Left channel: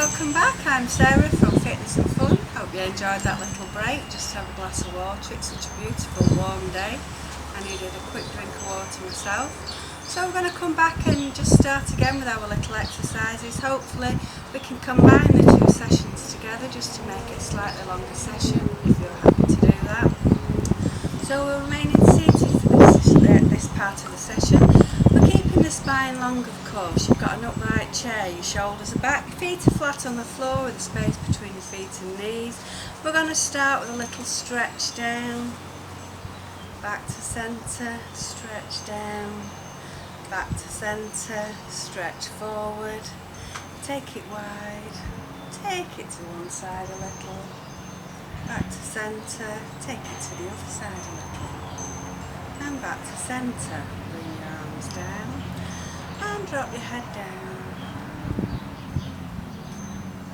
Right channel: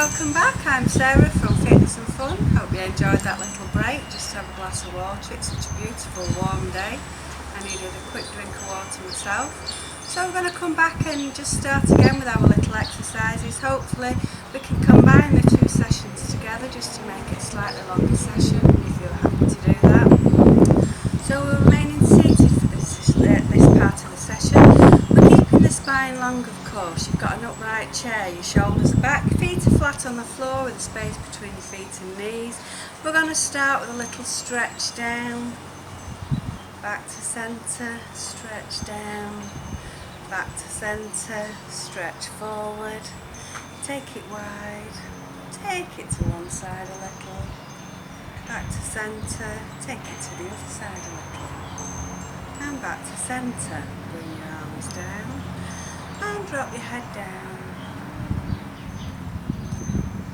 Welcome back, I'm Sarah from Fitness and Fun. Hope you enjoyed that little break, just to have a glass of water. It's such a beautiful warm day. I needed a quick drink of water myself. So we're going to come back and just start again with our little exercises. Hopefully we can combine the two sessions together just to make it a slightly longer session if you're happy to do that. So we're remaining seated for this part of the session. We're keeping the spine long, of course. You've got an upright chair, your shoulders are back, feet are flat on the floor with a space between your feet and knees. We're going to start with a little stretch down, back to centre, stretch down, back to centre, stretch forward, take it wide, take it to one side a little, back to centre, take it to the other side a little, and back to centre. Bring your arms down and drop your head down.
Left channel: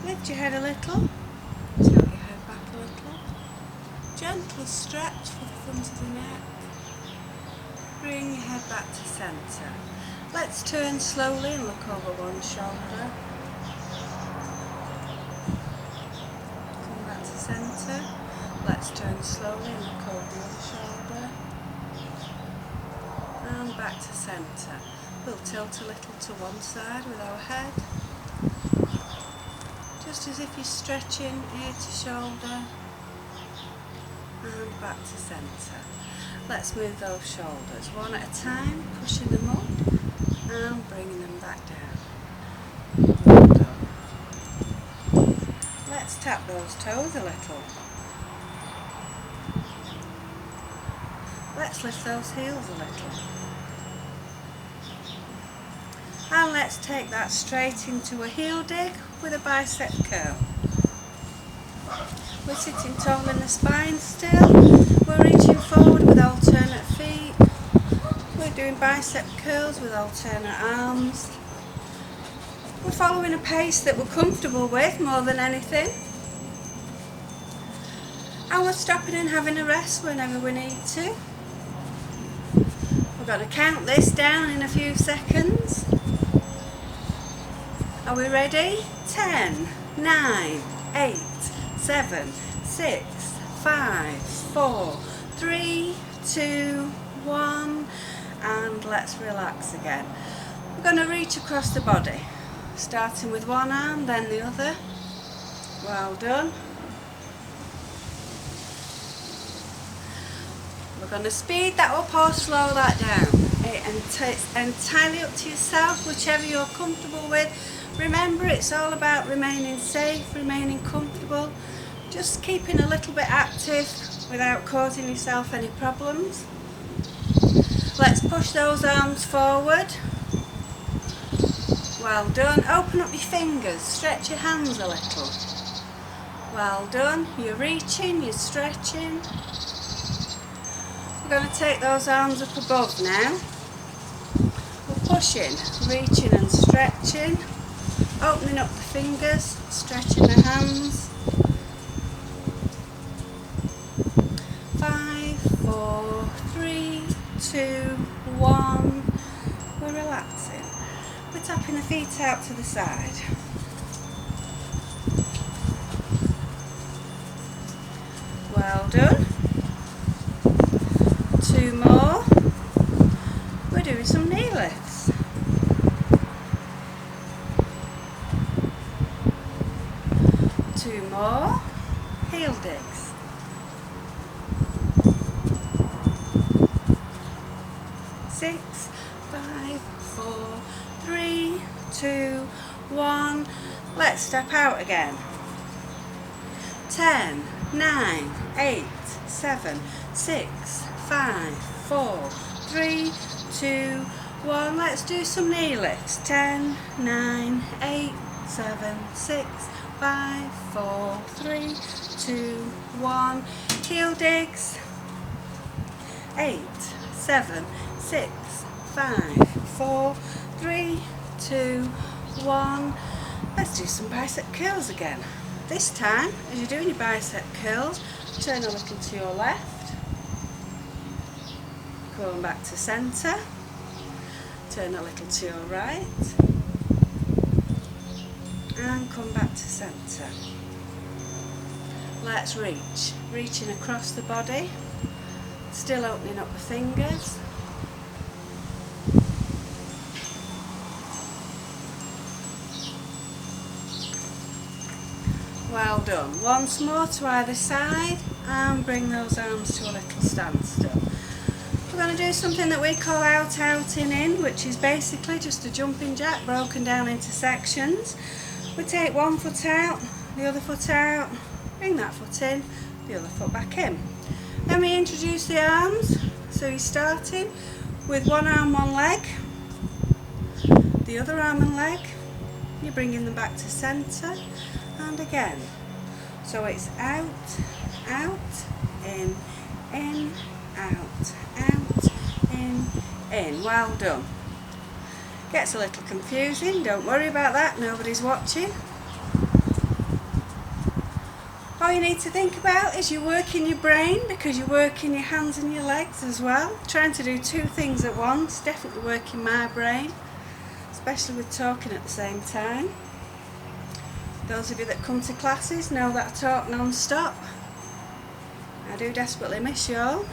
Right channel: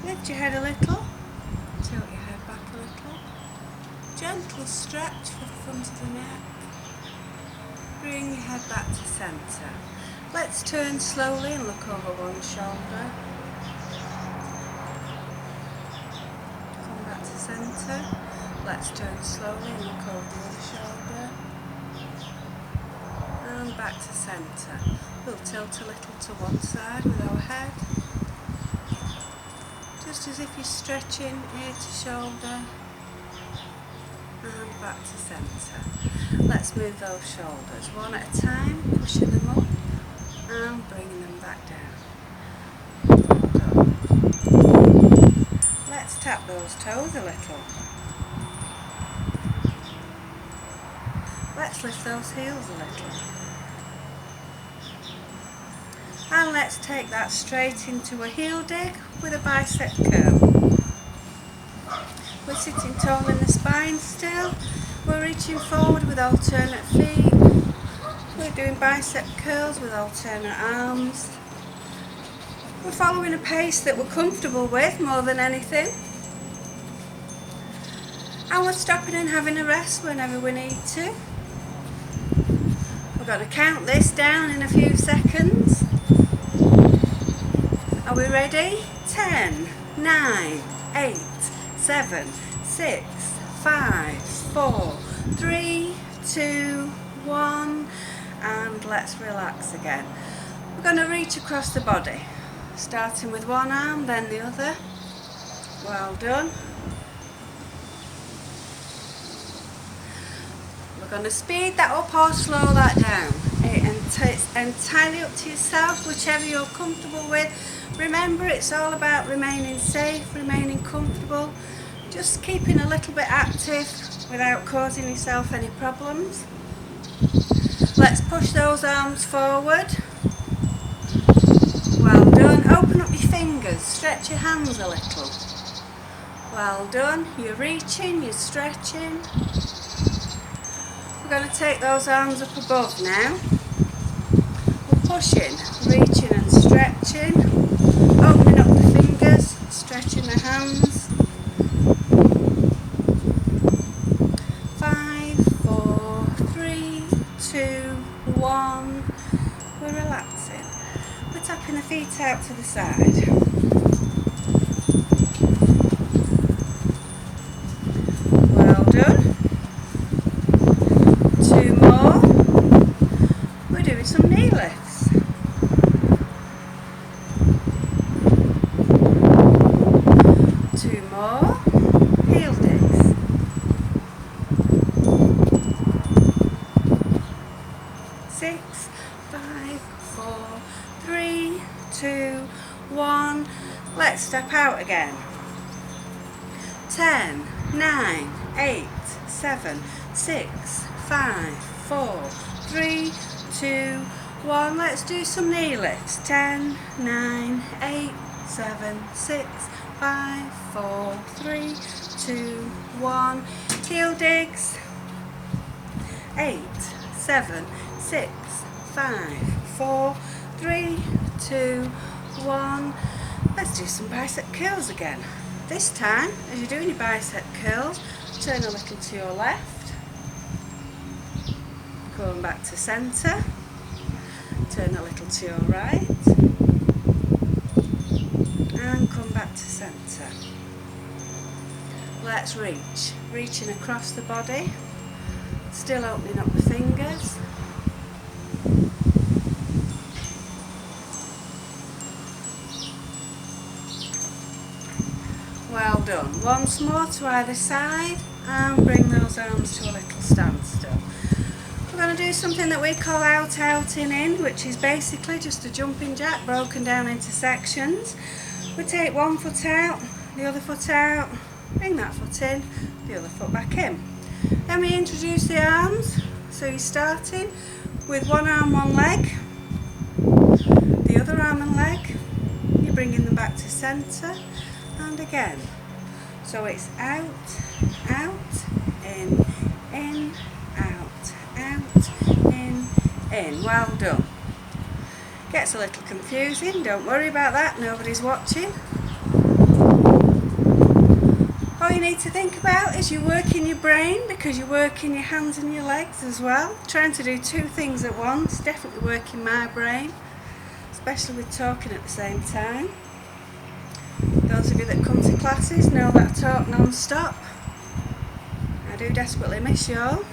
Lift your head a little, tilt your head back a little, gentle stretch for the front of the neck. Bring your head back to centre. Let's turn slowly and look over one shoulder. Come back to centre. Let's turn slowly and look over the other shoulder. And back to centre. We'll tilt a little to one side with our head. Just as if you're stretching ear to shoulder. And back to centre. Let's move those shoulders one at a time, pushing them up and bringing them back down. Done. Let's tap those toes a little. Let's lift those heels a little. And let's take that straight into a heel dig with a bicep curl. We're sitting tall in the spine still. We're reaching forward with alternate feet. We're doing bicep curls with alternate arms. We're following a pace that we're comfortable with more than anything. And we're stopping and having a rest whenever we need to. We're going to count this down in a few seconds. Are we ready? 10, 9, 8, 7, 6, 5, 4, 3, 2, 1, and let's relax again. We're going to reach across the body, starting with one arm, then the other. Well done. We're going to speed that up or slow that down. It's entirely up to yourself, whichever you're comfortable with. Remember, it's all about remaining safe, remaining comfortable, just keeping a little bit active without causing yourself any problems. Let's push those arms forward. Well done. Open up your fingers, stretch your hands a little. Well done. You're reaching, you're stretching. We're going to take those arms up above now. We're pushing, reaching and stretching. Opening up the fingers, stretching the hands. 5, 4, 3, 2, 1. We're relaxing. We're tapping the feet out to the side. Well done. 2 more. We're doing some knee lifts. 2 more. Heel digs. 6, 5, 4, 3, 2, 1. Let's step out again. 10, 9, 8, 7, 6, 5, 4, 3, 2, 1. Let's do some knee lifts. 10, 9, 8, 7, 6, 5, 4, 3, 2, 1. Heel digs. 8, 7, 6, 5, 4, 3, 2, 1. Let's do some bicep curls again. This time, as you're doing your bicep curls, turn a little to your left. Going back to centre. Turn a little to your right. And come back to centre. Let's reach. Reaching across the body, still opening up the fingers. Well done. Once more to either side and bring those arms to a little standstill. We're going to do something that we call out, out, in, which is basically just a jumping jack broken down into sections. We take one foot out, the other foot out, bring that foot in, the other foot back in. Then we introduce the arms, so you're starting with one arm, one leg, the other arm and leg, you're bringing them back to centre, and again. So it's out, out, in, out, in. Well done. Gets a little confusing, don't worry about that, nobody's watching. All you need to think about is you're working your brain, because you're working your hands and your legs as well. Trying to do two things at once, definitely working my brain, especially with talking at the same time. Those of you that come to classes know that I talk non-stop. I do desperately miss you all.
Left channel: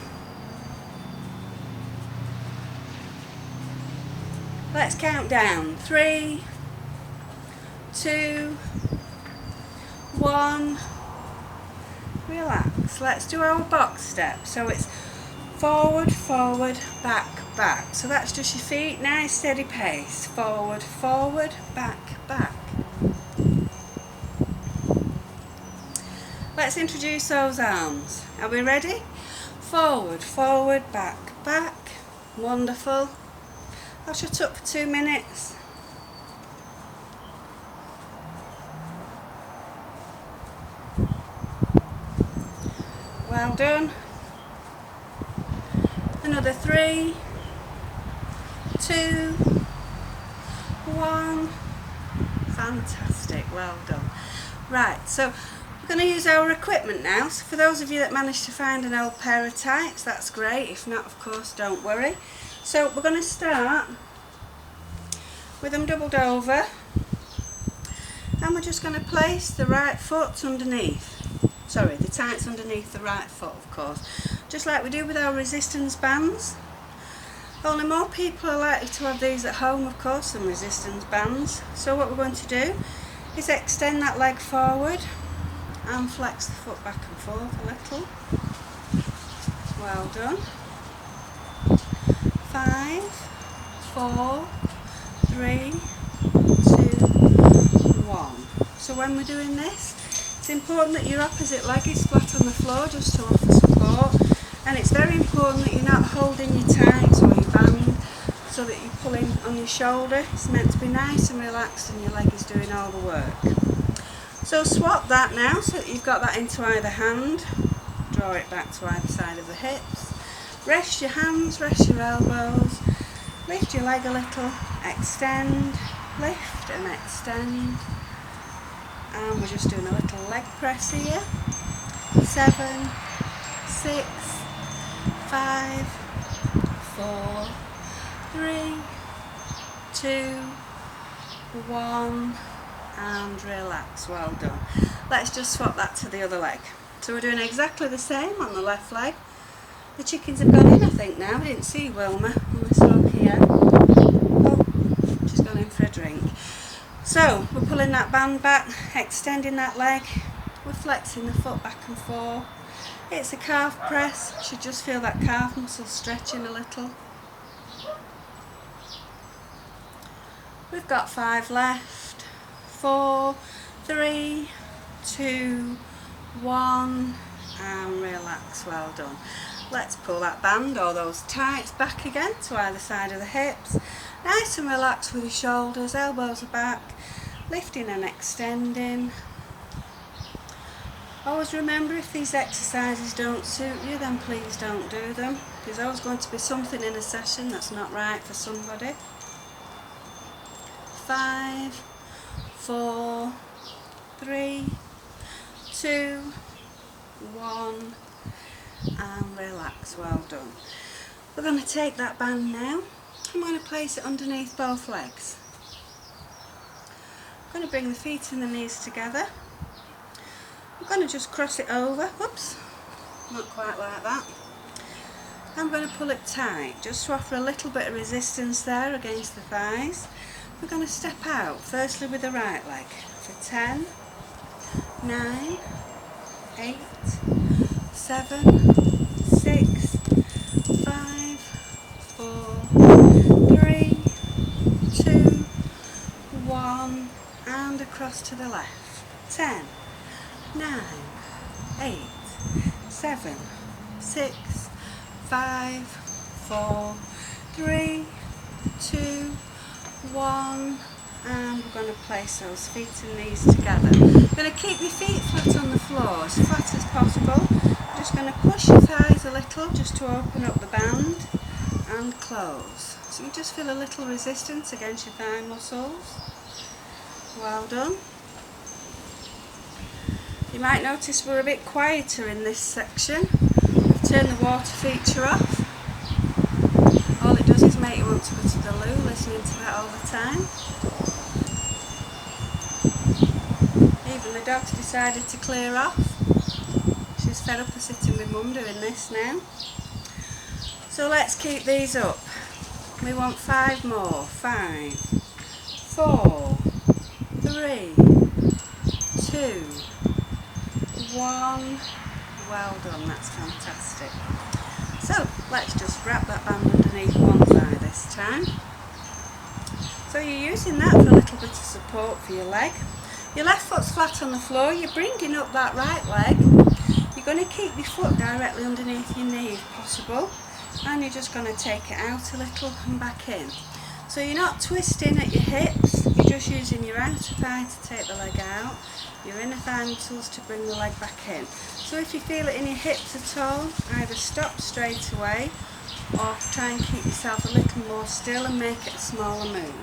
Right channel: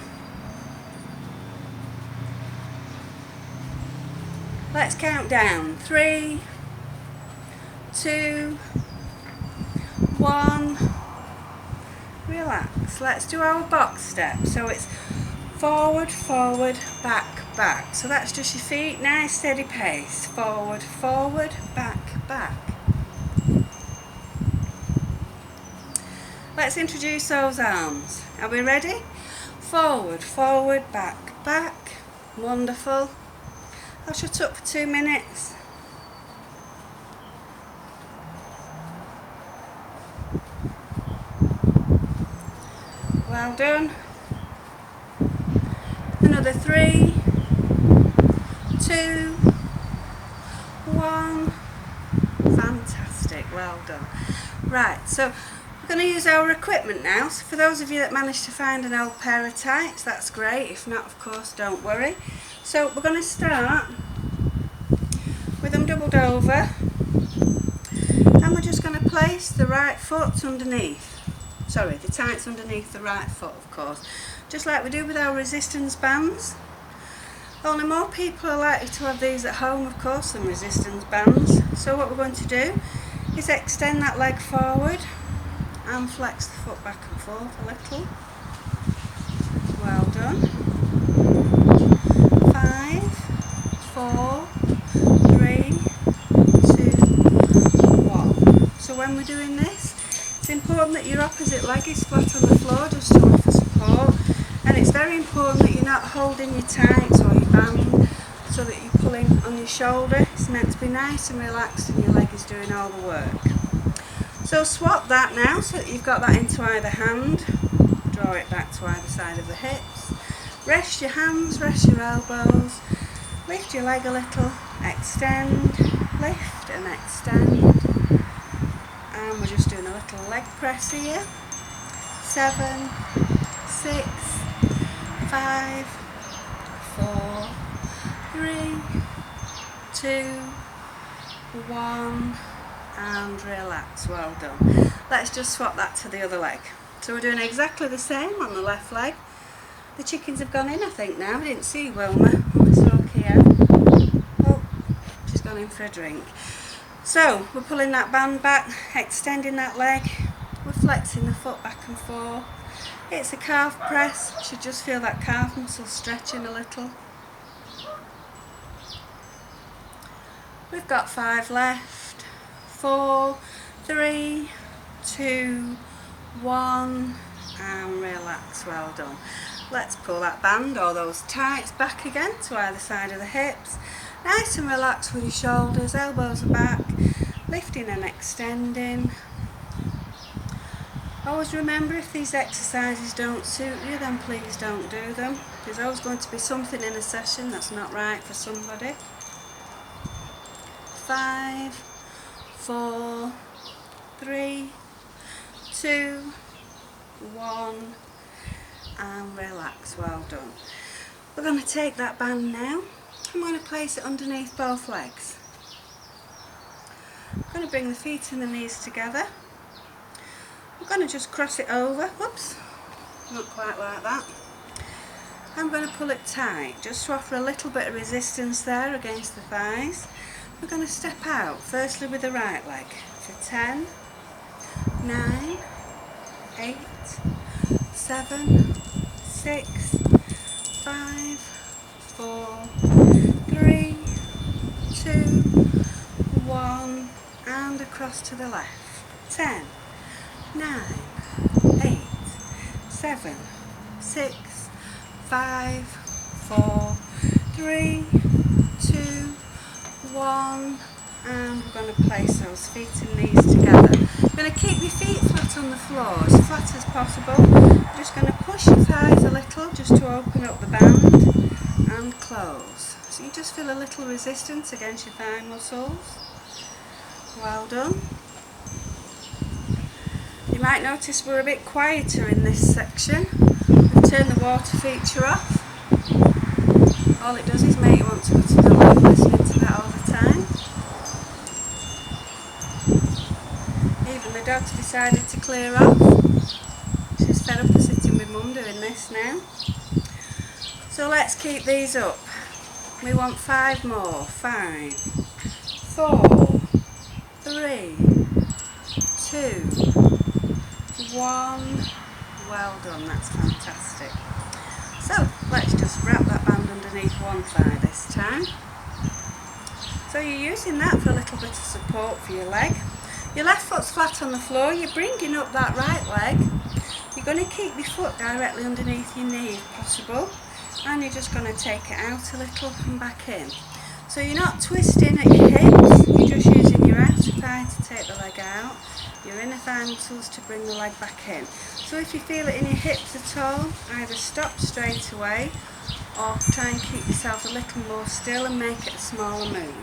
Let's count down. 3, 2, 1. Relax. Let's do our box step. So it's forward, forward, back, back. So that's just your feet, nice steady pace. Forward, forward, back, back. Let's introduce those arms. Are we ready? Forward, forward, back, back. Wonderful. I'll shut up for 2 minutes. Well done. Another 3, 2, 1. Fantastic, well done. Right, so we're going to use our equipment now. So for those of you that managed to find an old pair of tights, that's great. If not, of course, don't worry. So we're going to start with them doubled over, and we're just going to place the right foot underneath. Sorry, the tights underneath the right foot, of course. Just like we do with our resistance bands. Only more people are likely to have these at home, of course, than resistance bands. So what we're going to do is extend that leg forward and flex the foot back and forth a little. Well done. 5, 4, 3, 2, 1. So when we're doing this, it's important that your opposite leg is flat on the floor just to offer support, and it's very important that you're not holding your tights or your band so that you're pulling on your shoulder. It's meant to be nice and relaxed and your leg is doing all the work. So swap that now so that you've got that into either hand. Draw it back to either side of the hips. Rest your hands, rest your elbows. Lift your leg a little, extend, lift and extend. And we're just doing a little leg press here. 7, 6, 5, 4, 3, 2, 1. And relax. Well done. Let's just swap that to the other leg. So we're doing exactly the same on the left leg. The chickens have gone in, I think, now. I didn't see Wilma. Let's look here. Oh, she's gone in for a drink. So we're pulling that band back, extending that leg. We're flexing the foot back and forth. It's a calf press. You should just feel that calf muscle stretching a little. We've got 5 left. 4, 3, 2, 1, and relax. Well done. Let's pull that band or those tights back again to either side of the hips. Nice and relaxed with your shoulders, elbows are back, lifting and extending. Always remember, if these exercises don't suit you, then please don't do them. There's always going to be something in a session that's not right for somebody. 5, 4, 3, 2, 1, and relax. Well done. We're going to take that band now. I'm going to place it underneath both legs. I'm going to bring the feet and the knees together. I'm going to just cross it over. Whoops, not quite like that. I'm going to pull it tight just to offer a little bit of resistance there against the thighs. We're going to step out firstly with the right leg for 10, 9, 8, 7, 6, 5, 4, 3, 2, 1, and across to the left. 10, 9, 8, 7, 6, 5, 4, 3, 2, 1, and we're going to place those feet and knees together. You're going to keep your feet flat on the floor, as flat as possible. You're just going to push your thighs a little just to open up the band and close. So you just feel a little resistance against your thigh muscles. Well done. You might notice we're a bit quieter in this section. We've turned the water feature off. All it does is make you want to go to the loo listening to that all the time. Even the dog's decided to clear off. She's fed up of sitting with Mum doing this now. So let's keep these up. We want 5 more. 5, 4, 3, 2, 1. Well done, that's fantastic. So let's just wrap that band underneath one thigh this time. So you're using that for a little bit of support for your leg. Your left foot's flat on the floor, you're bringing up that right leg. You're going to keep your foot directly underneath your knee if possible, and you're just going to take it out a little and back in. So you're not twisting at your hips, you're just using your outer thigh to take the leg out, your inner thigh muscles to bring the leg back in. So if you feel it in your hips at all, either stop straight away or try and keep yourself a little more still and make it a smaller move.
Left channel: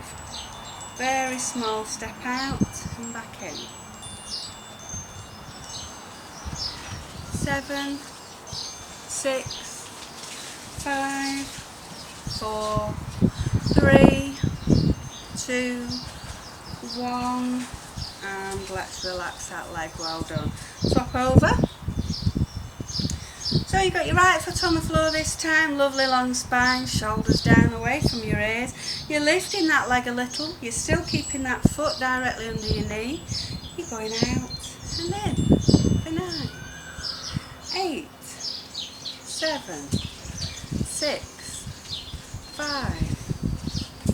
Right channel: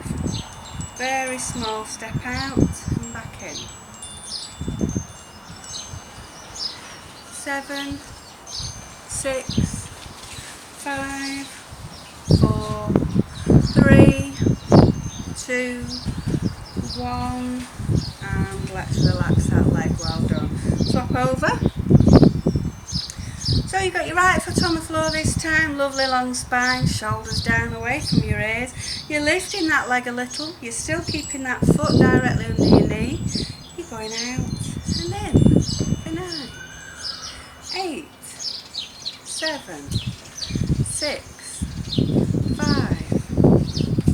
Very small step out and back in. 7, 6, 5, 4, 3, 2, 1, and let's relax that leg. Well done. Swap over. So you've got your right foot on the floor this time, lovely long spine, shoulders down away from your ears. You're lifting that leg a little, you're still keeping that foot directly under your knee. You're going out and in for 9, 8, 7, 6, 5,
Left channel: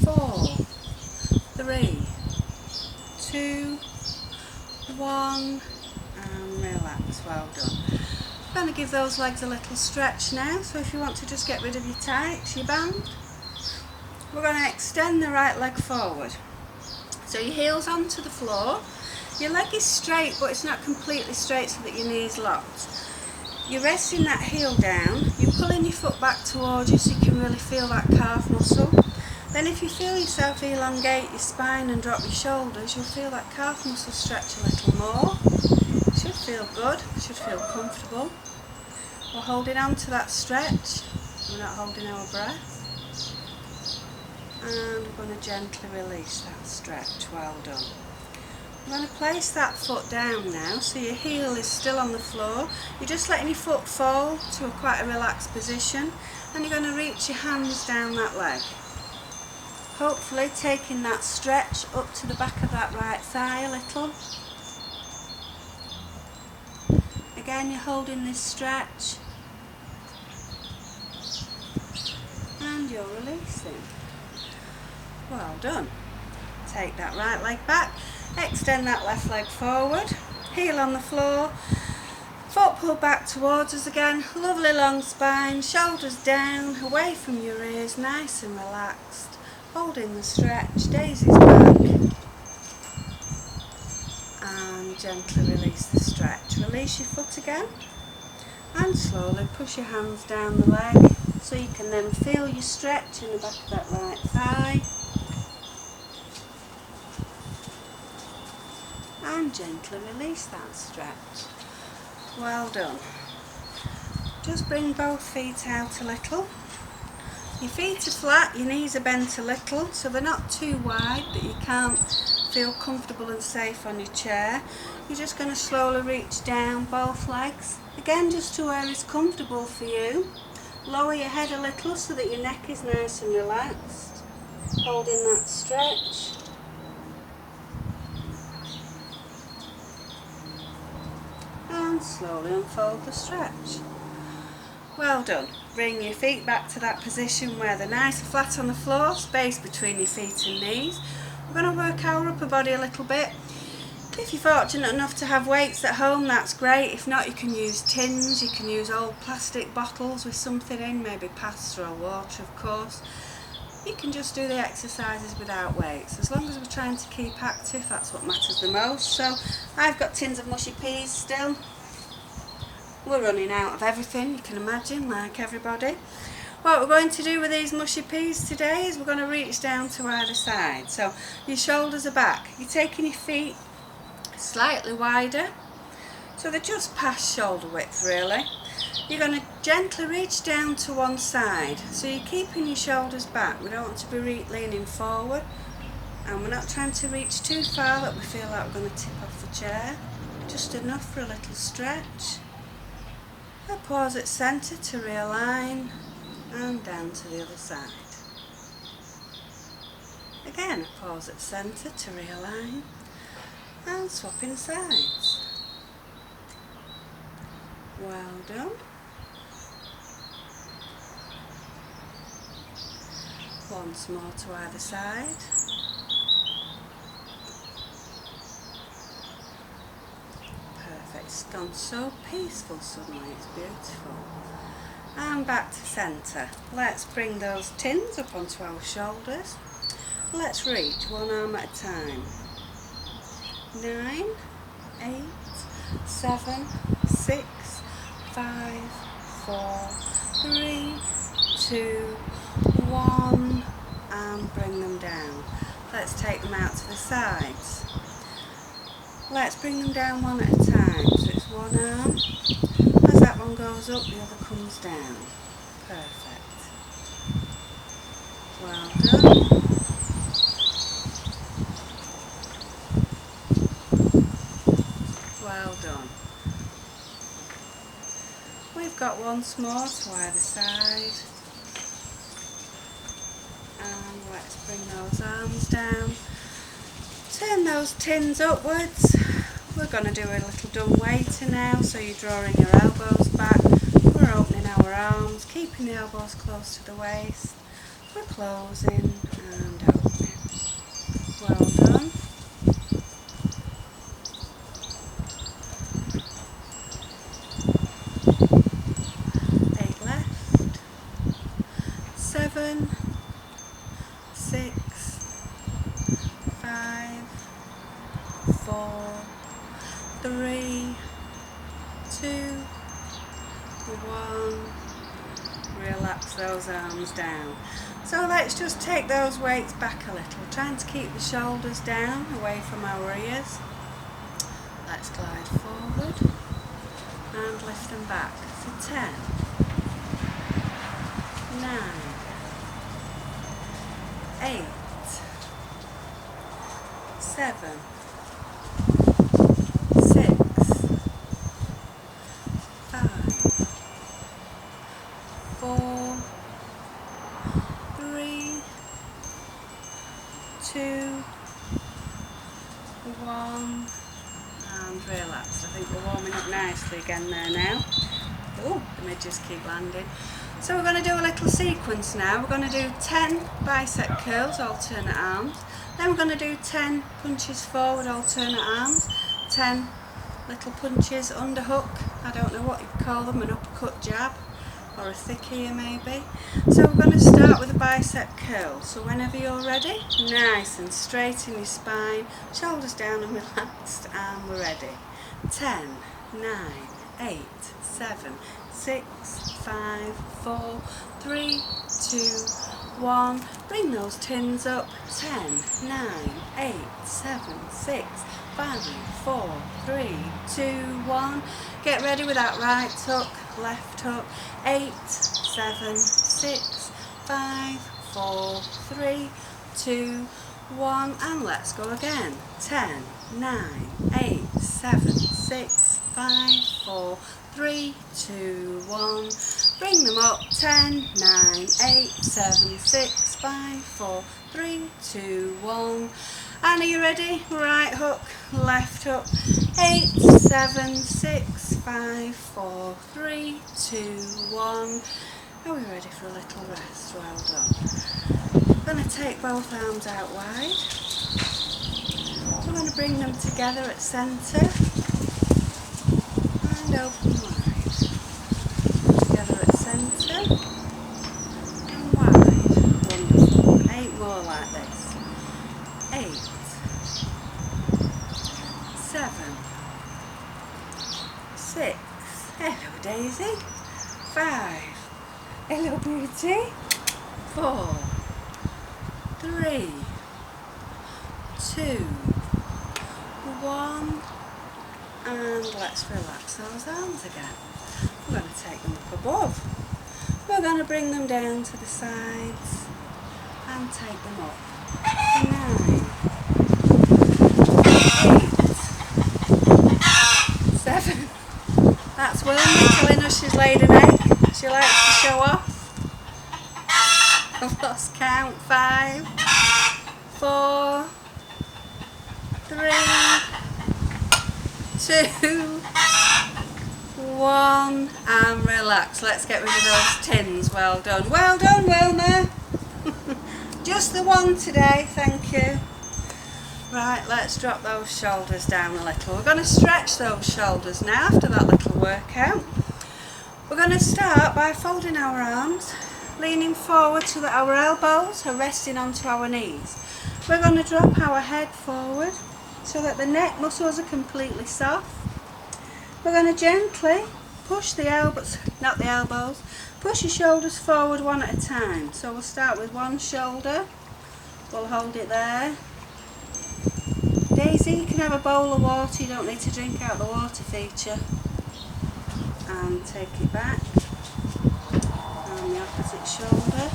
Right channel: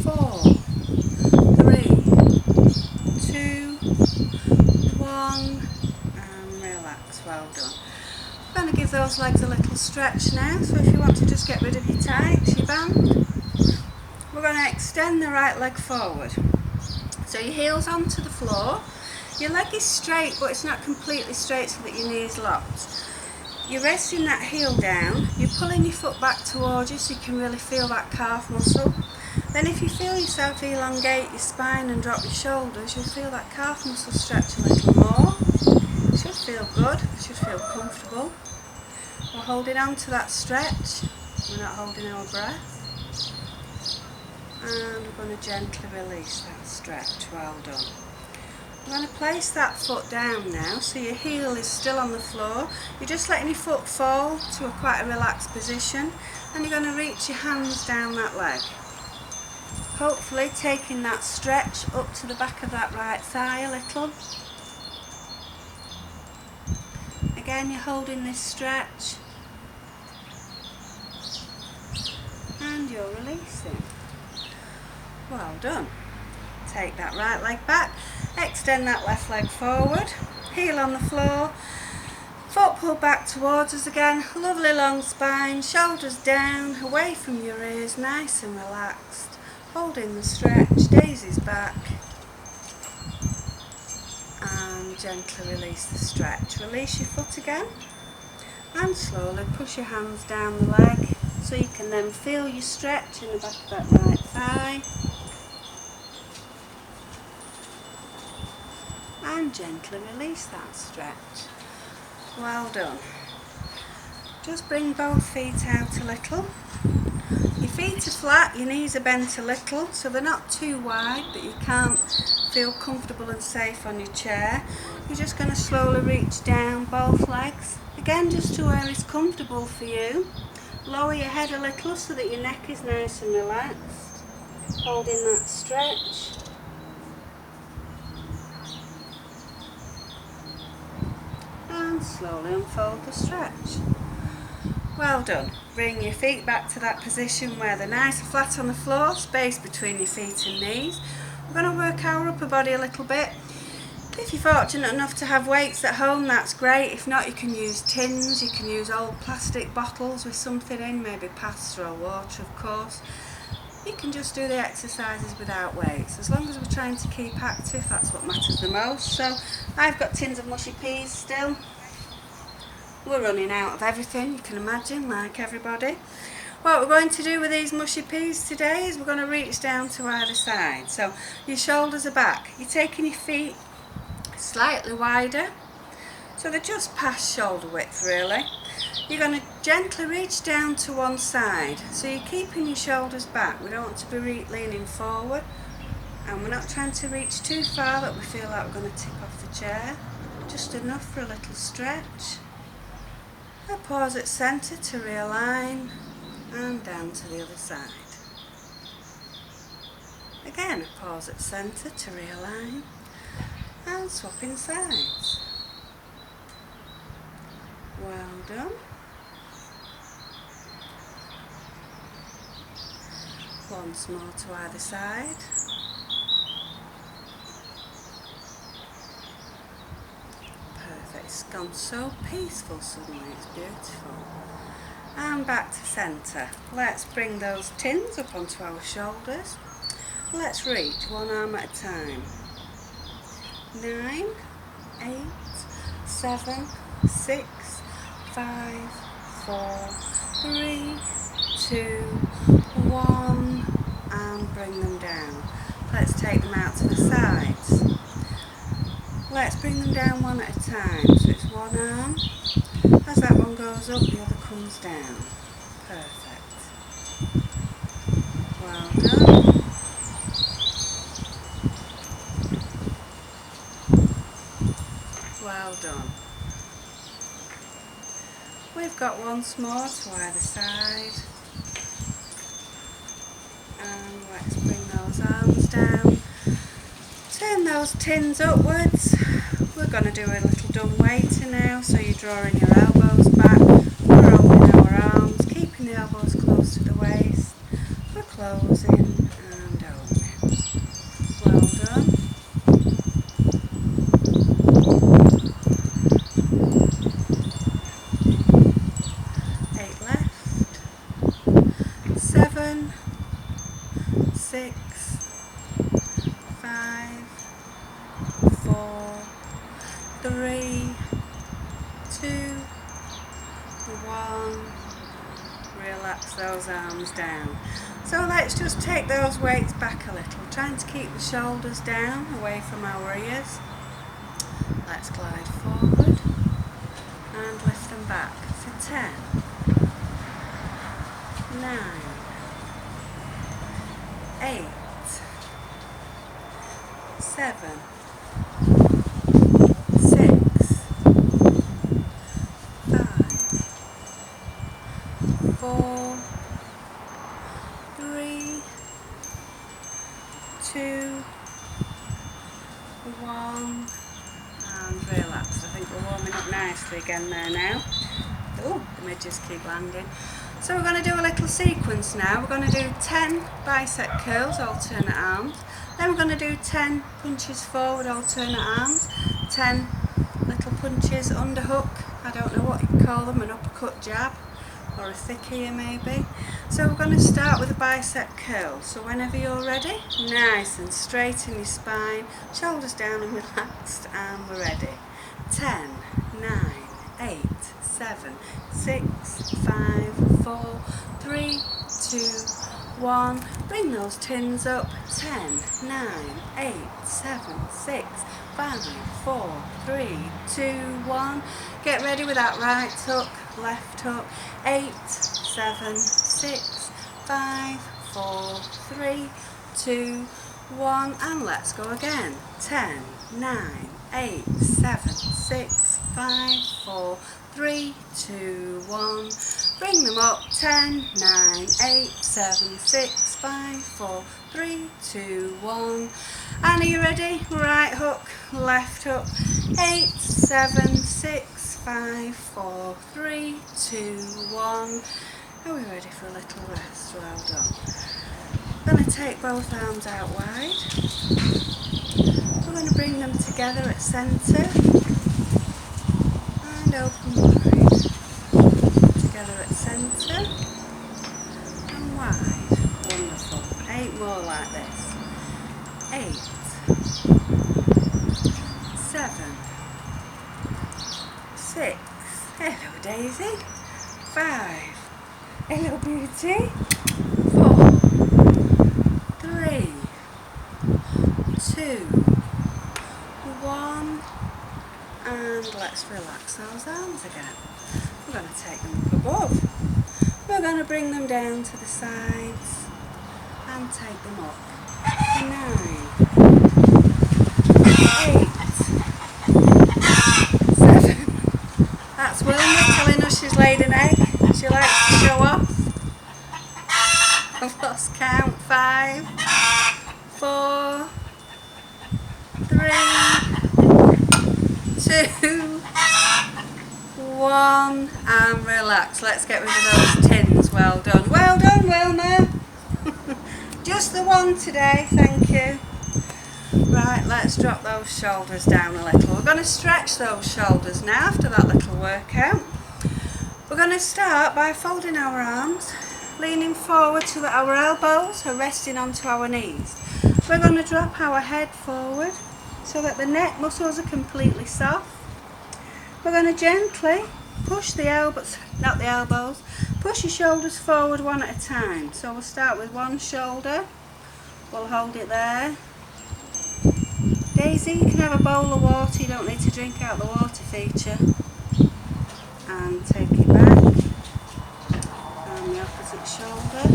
4, 3, 2, 1, and relax. Well done. I'm going to give those legs a little stretch now, so if you want to just get rid of your tights, your band, we're going to extend the right leg forward. So your heel's onto the floor, your leg is straight but it's not completely straight so that your knee is locked. You're resting that heel down, you're pulling your foot back towards you so you can really feel that calf muscle. Then if you feel yourself elongate your spine and drop your shoulders, you'll feel that calf muscle stretch a little more. It should feel good, it should feel comfortable. We're holding on to that stretch, we're not holding our breath. And we're going to gently release that stretch. Well done. I'm going to place that foot down now, so your heel is still on the floor. You're just letting your foot fall to quite a relaxed position, and you're going to reach your hands down that leg. Hopefully taking that stretch up to the back of that right thigh a little. Again, you're holding this stretch and you're releasing. Well done. Take that right leg back, extend that left leg forward, heel on the floor, foot pulled back towards us again, lovely long spine, shoulders down, away from your ears, nice and relaxed, holding the stretch, daisies back, and gently release the stretch. Release your foot again, and slowly push your hands down the leg, so you can then feel your stretch in the back of that right thigh. And gently release that stretch. Well done. Just bring both feet out a little. Your feet are flat, your knees are bent a little, so they're not too wide that you can't feel comfortable and safe on your chair. You're just going to slowly reach down both legs, again just to where it's comfortable for you. Lower your head a little so that your neck is nice and relaxed, holding that stretch. And slowly unfold the stretch. Well done. Bring your feet back to that position where they're nice and flat on the floor, space between your feet and knees. We're going to work our upper body a little bit. If you're fortunate enough to have weights at home, that's great. If not, you can use tins, you can use old plastic bottles with something in, maybe pasta or water, of course. You can just do the exercises without weights. As long as we're trying to keep active, that's what matters the most. So I've got tins of mushy peas still. We're running out of everything, you can imagine, like everybody. What we're going to do with these mushy peas today is we're going to reach down to either side. So your shoulders are back. You're taking your feet slightly wider, so they're just past shoulder width really. You're going to gently reach down to one side. So you're keeping your shoulders back. We don't want to be leaning forward. And we're not trying to reach too far that we feel like we're going to tip off the chair. Just enough for a little stretch. A pause at centre to realign and down to the other side. Again, a pause at centre to realign and swapping sides. Well done. Once more to either side. It's gone so peaceful suddenly, it's beautiful. And back to centre. Let's bring those tins up onto our shoulders. Let's reach one arm at a time. 9, 8, 7, 6, 5, 4, 3, 2, 1, and bring them down. Let's take them out to the sides. Let's bring them down one at a time. So it's one arm. As that one goes up, the other comes down. Perfect. Well done. Well done. We've got once more to either side. And let's bring those arms down. Turn those tins upwards. We're going to do a little dumb waiter now, so you're drawing your elbows back. We're opening our arms, keeping the elbows close to the waist. We're closing and opening. Well done. Eight left. 7, 6, 5, 4, 3, 2, 1. Relax those arms down. So let's just take those weights back a little, trying to keep the shoulders down, away from our ears. Let's glide forward and lift them back for 10, 9, 8, 7, 6, 5, 4, 3, 2, 1, and relax. I think we're warming up nicely again there now. Oh, the midges keep landing. So we're going to do a little sequence now. We're going to do 10 bicep curls, alternate arms. Then we're going to do 10 punches forward, alternate arms. 10 little punches, underhook, I don't know what you call them, an uppercut jab, or a thick ear maybe. So we're going to start with a bicep curl. So whenever you're ready, nice and straight in your spine, shoulders down and relaxed, and we're ready. 10, 9, 8, 7, 6, 5, 4, 3, 2, 1. Bring those tins up. 10, 9, 8, 7, 6, 5, 4, 3, 2, 1. Get ready with that right hook, left hook. 8, 7, 6, 5, 4, 3, 2, 1, and let's go again. 10, 9, 8, 7, 6, 5, 4, 3, 2, 1. Bring them up. 10, 9, 8, 7, 6, 5, 4, 3, 2, 1. And are you ready? Right hook, left hook. 8, 7, 6, 5, 4, 3, 2, 1. Are we ready for a little rest? Well done. We're going to take both arms out wide. We're going to bring them together at centre and open wide. Together at centre and wide. Wonderful. 8 more like this. 8, 7, 6. Hello Daisy. 5. Hello beauty. 4, 3, 2, 1, and let's relax those arms again. We're going to take them up above. We're going to bring them down to the sides and take them up. 9, 8, 7. That's Wilma telling us she's laid an egg. She likes to show off. I've lost count. 5, 4, 3, 2, 1, and relax. Let's get rid of those tins. Well done. Well done, Wilma. Just the one today, thank you. Right, let's drop those shoulders down a little. We're going to stretch those shoulders now after that little workout. We're going to start by folding our arms, leaning forward so that our elbows are resting onto our knees. We're going to drop our head forward so that the neck muscles are completely soft. We're going to gently push the elbows, not the elbows, push your shoulders forward one at a time. So we'll start with one shoulder. We'll hold it there. Daisy, you can have a bowl of water, you don't need to drink out the water feature. And take it back. And the opposite shoulder.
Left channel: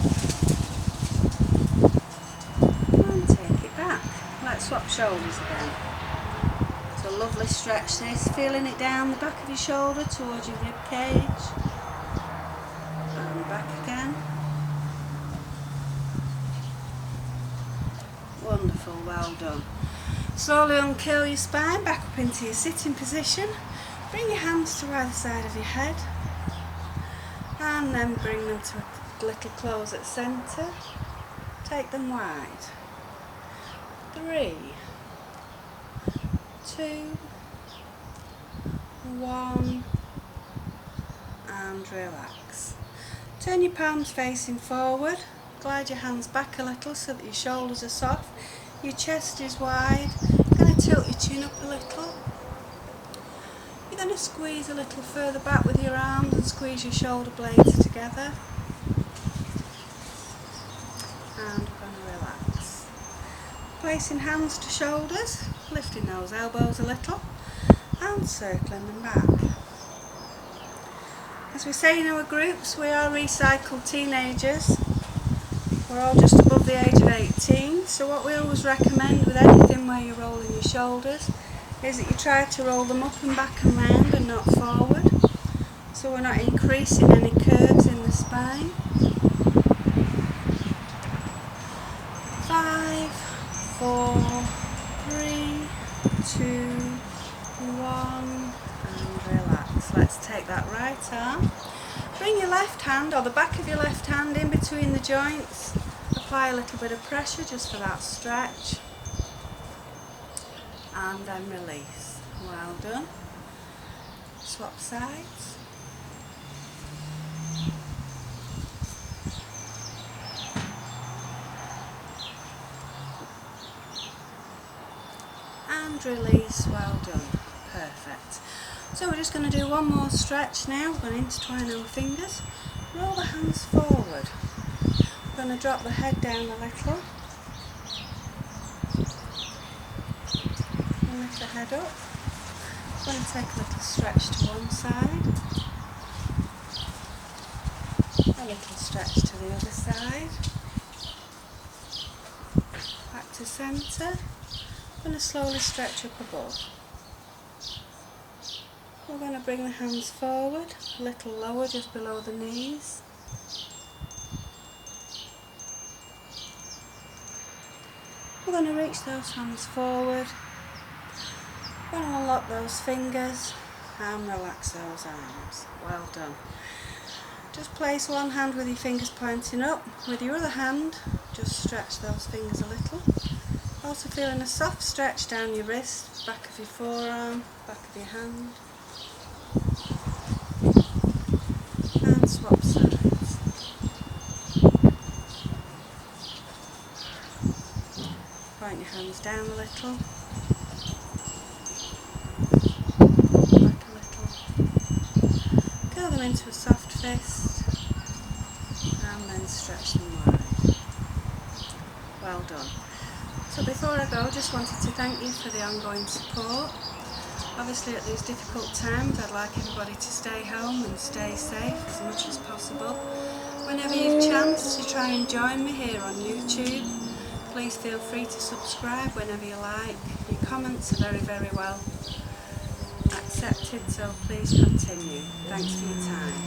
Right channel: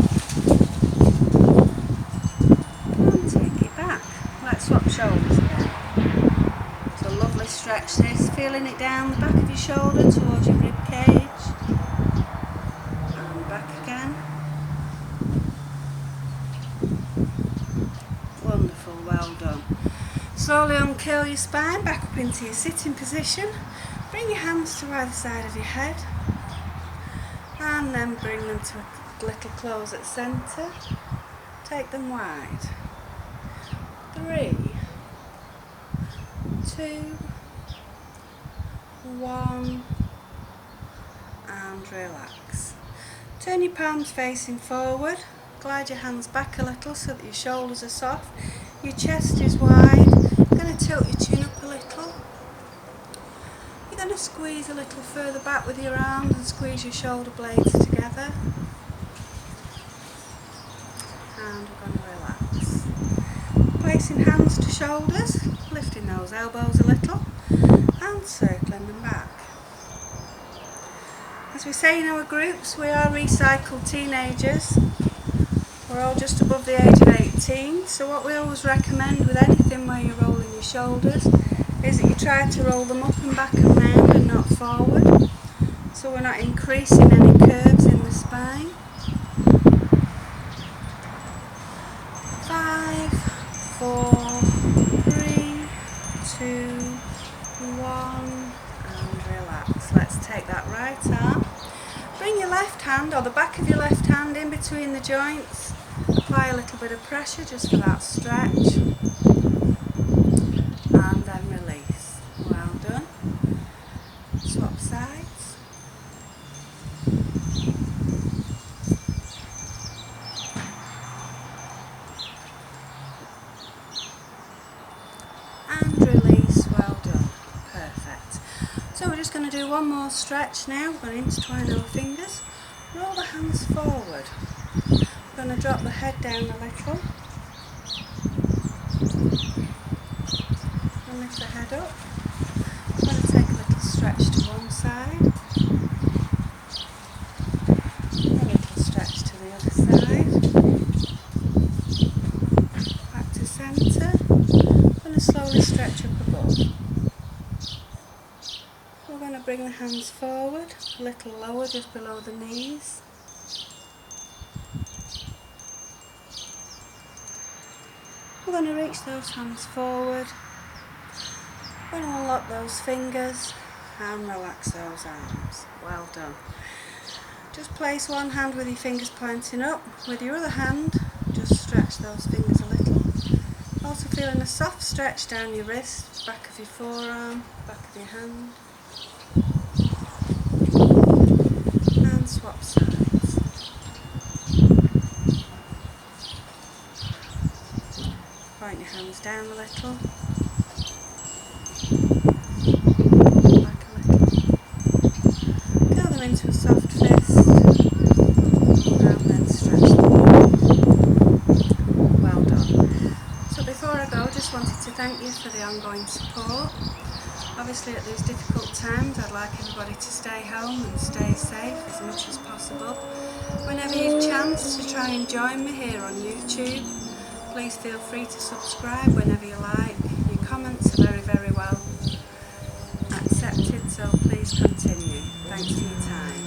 And take it back. Let's swap shoulders again. It's a lovely stretch this, feeling it down the back of your shoulder towards your rib cage. And back again. Wonderful, well done. Slowly uncurl your spine back up into your sitting position. Bring your hands to either side of your head. And then bring them to a little close at centre. Take them wide. 3, 2, 1, and relax. Turn your palms facing forward. Glide your hands back a little so that your shoulders are soft. Your chest is wide. You're going to tilt your chin up a little. You're going to squeeze a little further back with your arms and squeeze your shoulder blades together. And we're going to relax. Placing hands to shoulders, lifting those elbows a little and circling them back. As we say in our groups, we are recycled teenagers. We're all just above the age of 18, so what we always recommend with anything where you're rolling your shoulders is that you try to roll them up and back and round and not forward, so we're not increasing any curves in the spine. 5, 4, 3, 2, 1, and relax. Let's take that right arm. Bring your left hand, or the back of your left hand, in between the joints. Apply a little bit of pressure just for that stretch. And then release. Well done. Swap sides. And release. Well done. Perfect. So we're just going to do one more stretch now. We're going to intertwine our fingers. Roll the hands forward. We're going to drop the head down a little. And lift the head up. We're going to take a little stretch to one side. A little stretch to the other side. centre. I'm going to slowly stretch up above. We're going to bring the hands forward, a little lower, just below the knees. We're going to reach those hands forward. We're going to unlock those fingers and relax those arms. Well done. Just place one hand with your fingers pointing up. With your other hand, just stretch those fingers a little. Also feeling a soft stretch down your wrist, back of your forearm, back of your hand. And swap sides. Point your hands down a little. Back a little. Curl them into a soft fist. And then stretch them wide. Well done. So before I go, just wanted to thank you for the ongoing support. Obviously at these difficult times I'd like everybody to stay home and stay safe as much as possible. Whenever you've chance to try and join me here on YouTube, please feel free to subscribe whenever you like. Your comments are very, very well accepted, so please continue. Thanks for your time.